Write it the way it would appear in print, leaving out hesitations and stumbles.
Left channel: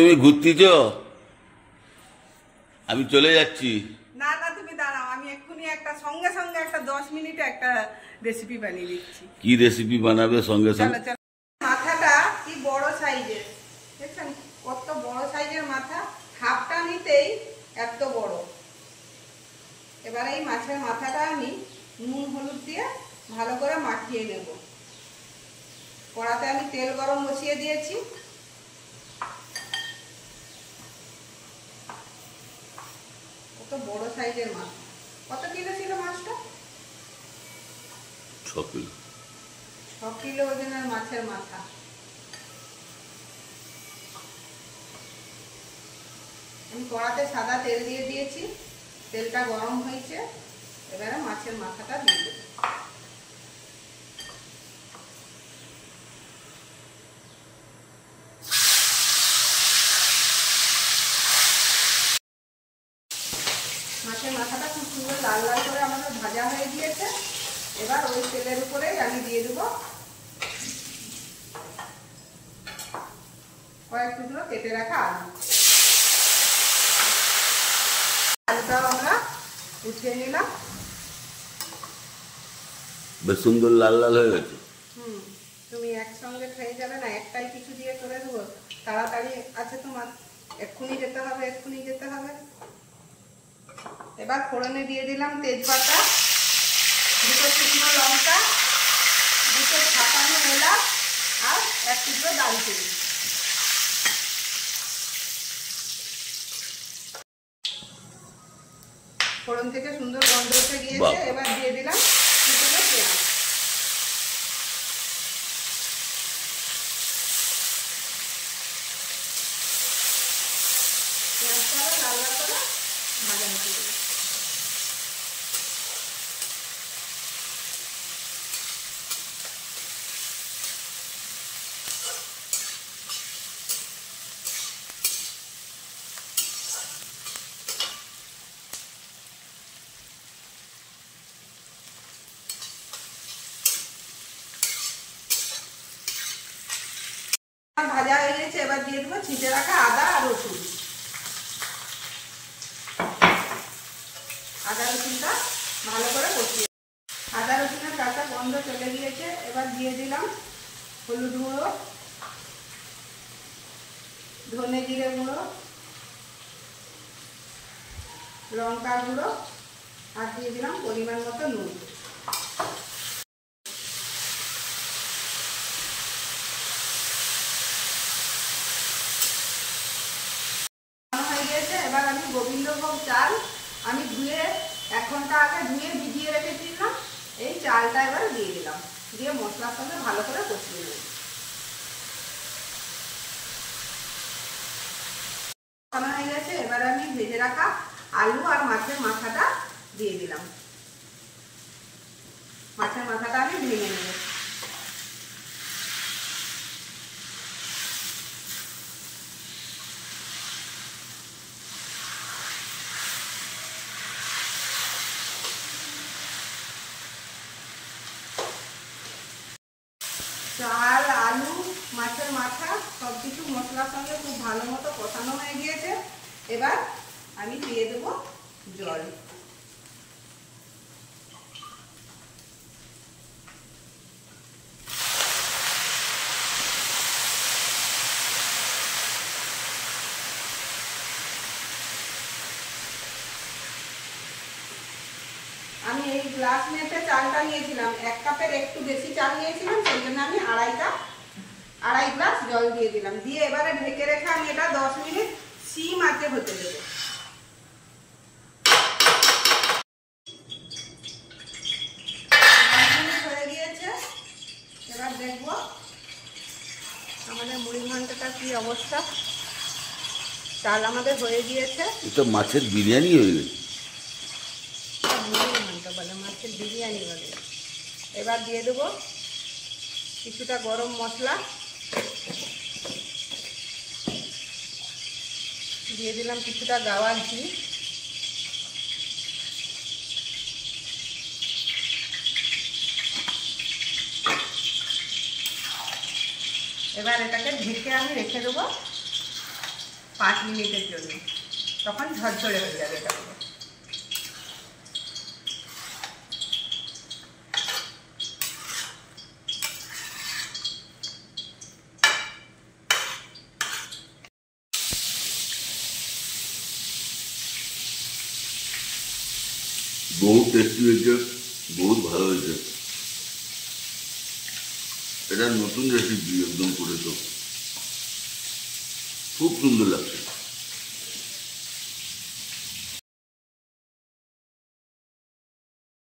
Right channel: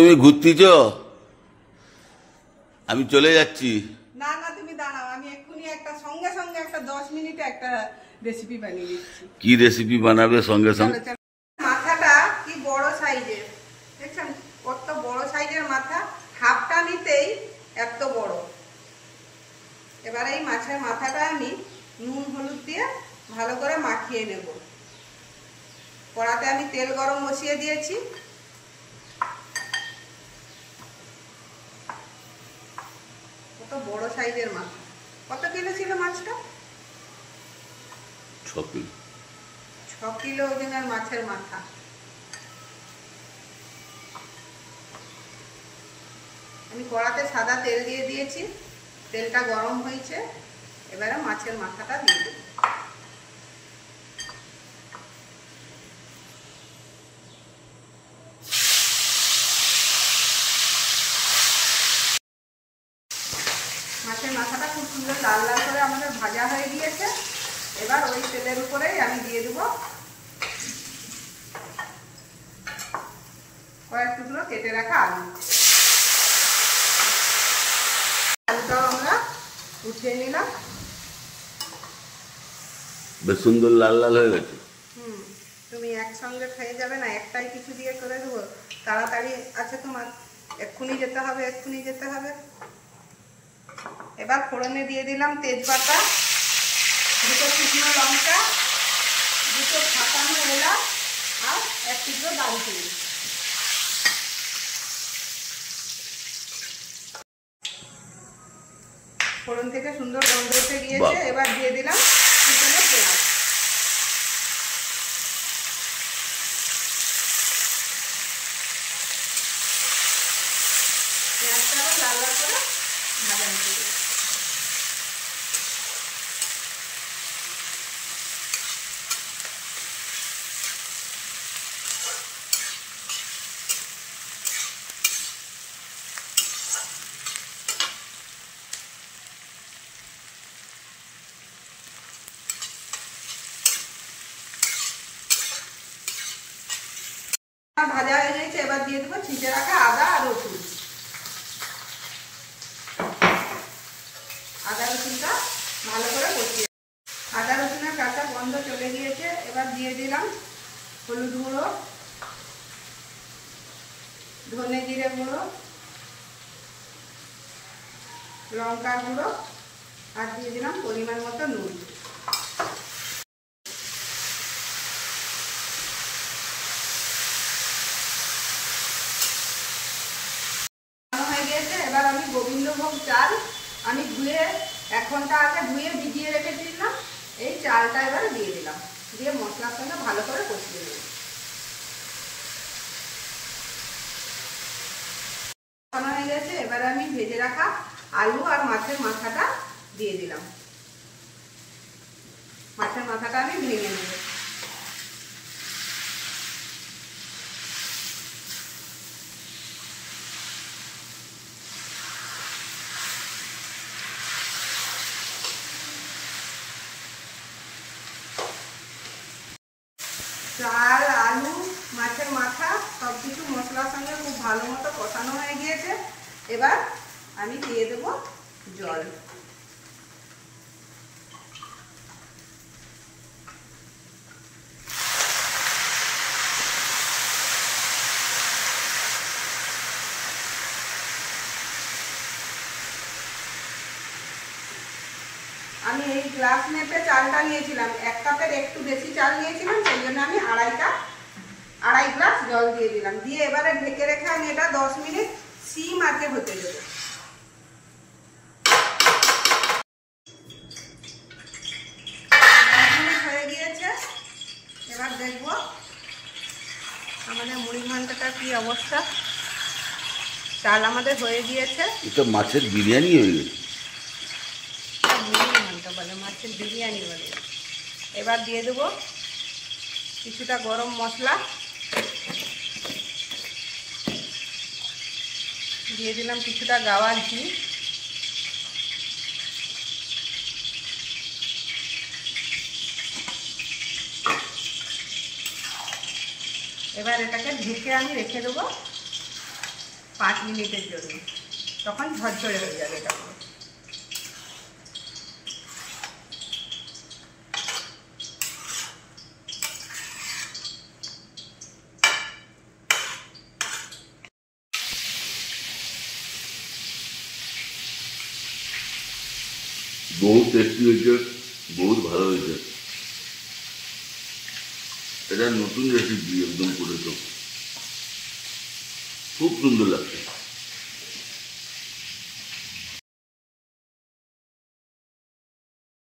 তুমি ঘুরতেছ, আমি চলে যাচ্ছি। না না তুমি দাঁড়াও, আমি এক্ষুনি একটা সঙ্গে সঙ্গে একটা 10 মিনিটে একটা রেসিপি বানিয়ে দিচ্ছি। কি রেসিপি বানাবে সঙ্গে সঙ্গে? মাথাটা কি বড় সাইজের, দেখছেন কত বড় সাইজের মাথা, হাফটা নিতেই এত বড়। এবার এই মাছের মাথাটা আমি নুন হলুদ দিয়ে ভালো করে মাখিয়ে নেব। কড়াতে আমি তেল গরম বসিয়ে দিয়েছি। কত বড় সাইজের মাছ। কত কিলো ছিল মাছটা? 6 কিলো। 6 কিলো ওজনের মাছের মাথা। আমি কড়াতে সাদা তেল দিয়ে দিয়েছি, তেলটা গরম হয়েছে। এবারে মাছের মাথাটা দিয়ে দেব। মাছের মাথাটা খুব সুন্দর লাল লাল করে আমাদের ভাজা হয়ে গিয়েছে। এবার ওই তেলের উপরেই আমি দিয়ে দেবো কয়েক টুকরো কেটে রাখা আলু। আলুটাও আমরা উঠিয়ে নিলাম। বেশ সুন্দর লাল লাল হয়ে গেছে। তুমি একসঙ্গে খেয়ে যাবে না, একটাই কিছু দিয়ে করে দেবো। তাড়াতাড়ি আছে তোমার, এক্ষুনি যেতে হবে, এক্ষুনি যেতে হবে। এবার ফোড়নে দিয়ে দিলাম তেজপাতা, 2টো শুকনো লঙ্কা, 2টো ছাপানো এলাচ আর 1 টুকরো দারুচিনি। ফোড়ন থেকে সুন্দর গন্ধ উঠে গিয়েছে। এবার দিয়ে দিলাম কুচনো পেঁয়াজ। পেঁয়াজটা আবার লাল লাল করে ভাজা হতে দেবো। ভাজা হয়ে গেছে। এবার দিয়ে দেবো ছিঁচে রাখা আদা আর রসুন। আদা রসুনটা ভালো করে কষিয়ে, আদা রসুনের কাঁচা গন্ধ চলে গিয়েছে। এবার দিয়ে দিলাম হলুদ গুঁড়ো, ধনে জিরে গুঁড়ো, লঙ্কা গুঁড়ো আর দিয়ে দিলাম পরিমাণ মতো নুন। হয়ে গিয়েছে। এবার আমি গোবিন্দভোগ চাল আমি ধুয়ে 1 ঘন্টা আগে ধুয়ে ভিজিয়ে রেখেছিলাম, এই চালটা এবারে দিয়ে দিলাম, দিয়ে মশলার সঙ্গে ভালো করে কষিয়ে নেব। হয়ে গেছে। এবারে আমি ভেজে রাখা আলু আর মাছের মাথাটা দিয়ে দিলাম। মাছের মাথাটা আমি ভেঙে নেব। চাল, আলু, মাছের মাথা সবকিছু মশলার সঙ্গে খুব ভালো মতো কষানো হয়ে গিয়েছে। এবার আমি দিয়ে দেব জল। আমি এই গ্লাস মেপে চালটা নিয়েছিলাম, 1 কাপের একটু বেশি চাল নিয়েছিলাম, সেই জন্য আমি আড়াই গ্লাস জল দিয়ে দিলাম। দিয়ে এবারে ঢেকে রেখে আমি এটা 10 মিনিট সিম আঁচে হতে দেব। 10 মিনিট হয়ে গিয়েছে। এবার দেখবো আমাদের মুড়ি ঘন্টটা কি অবস্থা। চাল আমাদের হয়ে গিয়েছে। এটা মাছের বিরিয়ানি হয়ে গেছে। বলে মাছের বিরিয়ানি বলে। এবার দিয়ে দেবো কিছুটা গরম মশলা, দিয়ে দিলাম কিছুটা গাওয়ার ঘি, এবার এটাকে ঢেকে আমি রেখে দেবো 5 মিনিটের জন্য, তখন ঝরঝরে হয়ে যাবে এটা পুরো। বহুত টেস্টি হয়েছে, বহুত ভালো হয়েছে। এটা নতুন রেসিপি একদম করেছো, খুব সুন্দর লাগছে।